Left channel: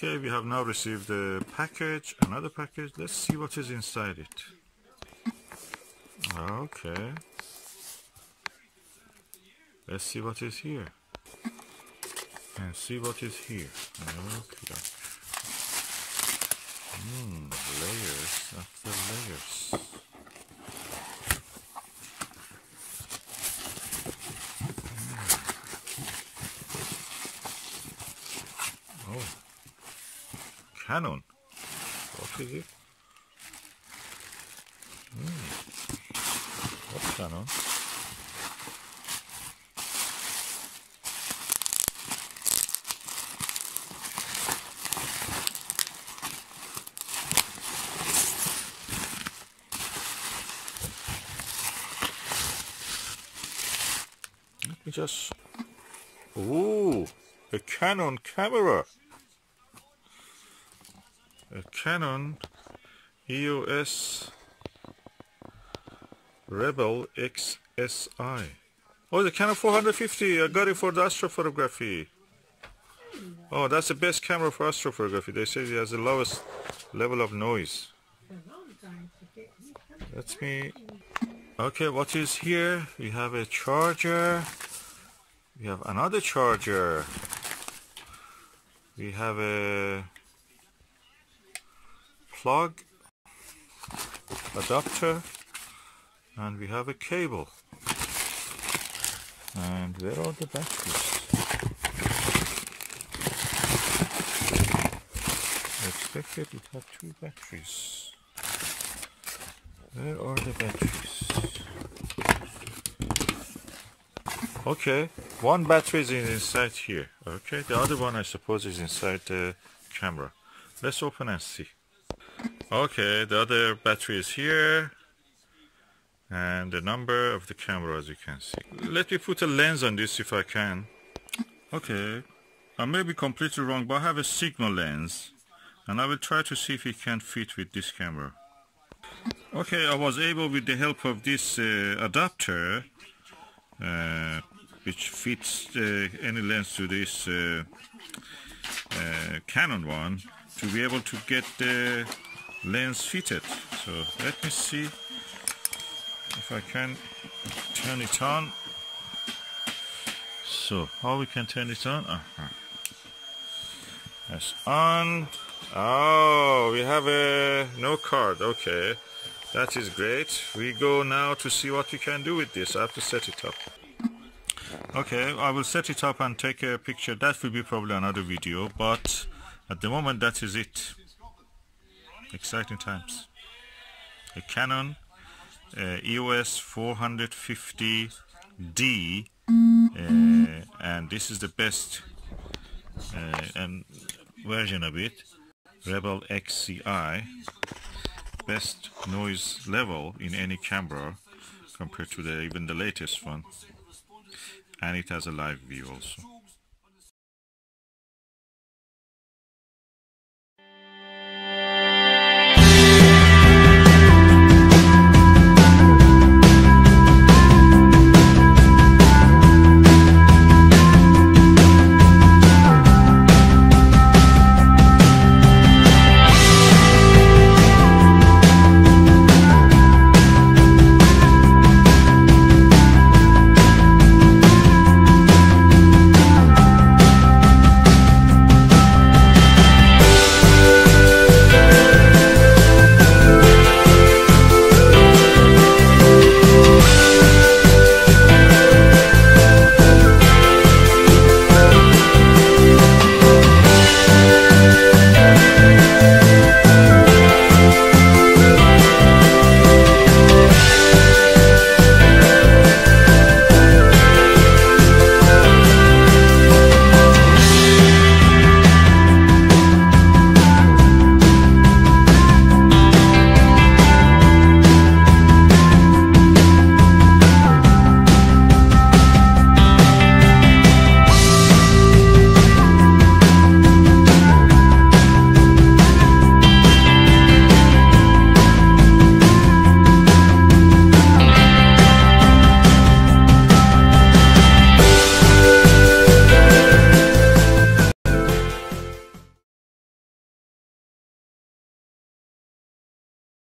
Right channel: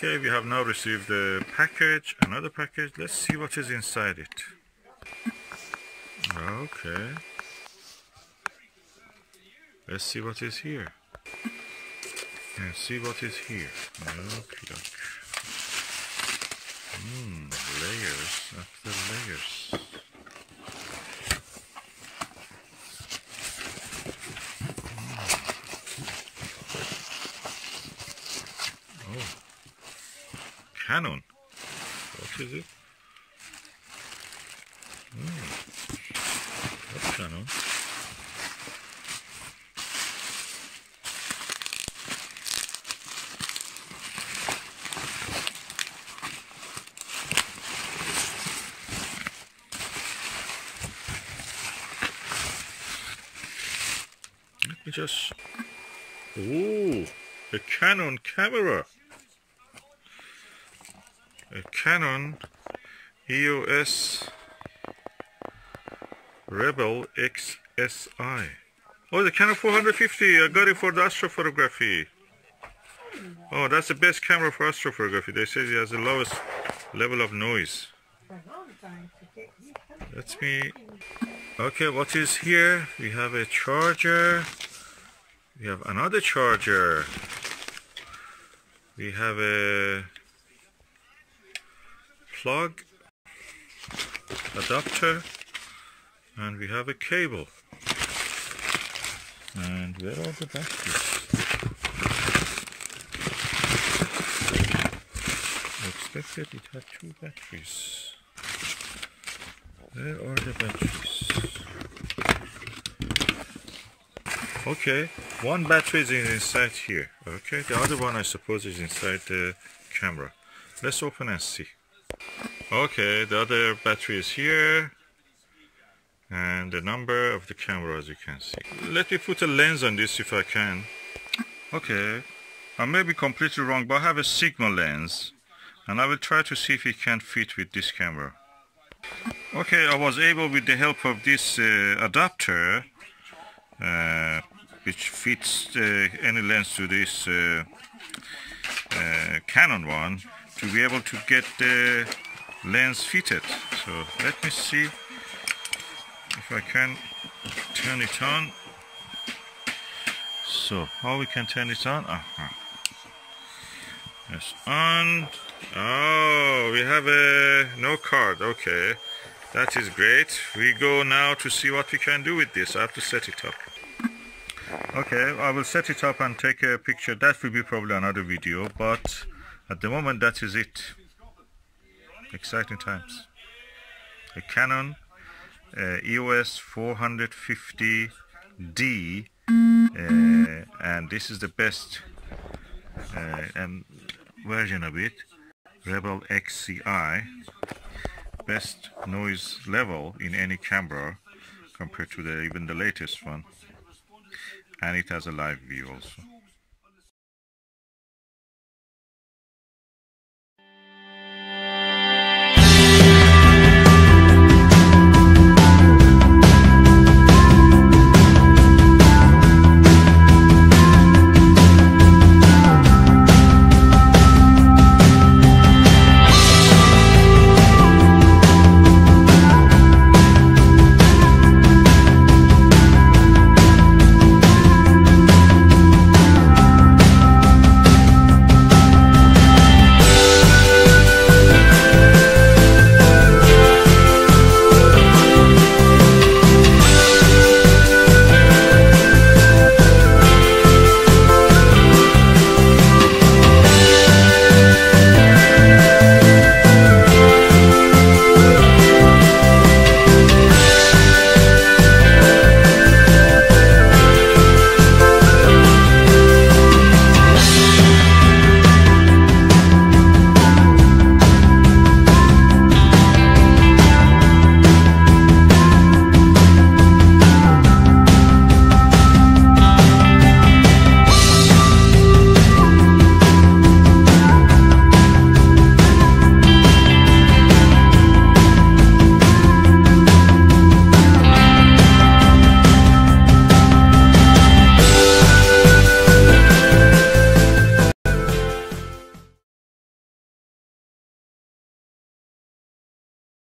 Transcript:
Okay, we have now received a package, another package. Let's see what is inside it. Okay. Let's see what is here. And see what is here. Okay. Layers after layers. Oh. Canon. What is it? What's Canon? Let me just... Ooh, a Canon camera. A Canon EOS Rebel XSI. Oh, the Canon 450. I got it for the astrophotography. Oh, that's the best camera for astrophotography. They say it has the lowest level of noise. Let me... Okay, what is here? We have a charger. We have another charger. We have a plug, adapter, and we have a cable. And where are the batteries? I expected it had 2 batteries. Where are the batteries? Okay, 1 battery is inside here. Okay, the other one I suppose is inside the camera. Let's open and see. Okay, the other battery is here. And the number of the camera, as you can see. Let me put a lens on this if I can. Okay, I may be completely wrong, but I have a Sigma lens. And I will try to see if it can fit with this camera. Okay, I was able, with the help of this adapter, which fits any lens to this Canon one, to be able to get the lens fitted. So let me see if I can turn it on. So how we can turn it on? That's on. Oh, we have a no card. Okay, that is great. We go now to see what we can do with this. I have to set it up. Okay, I will set it up and take a picture. That will be probably another video, but at the moment that is it. Exciting times. A Canon EOS 450D, and this is the best version of it. Rebel XCI, best noise level in any camera compared to even the latest one, and it has a live view also.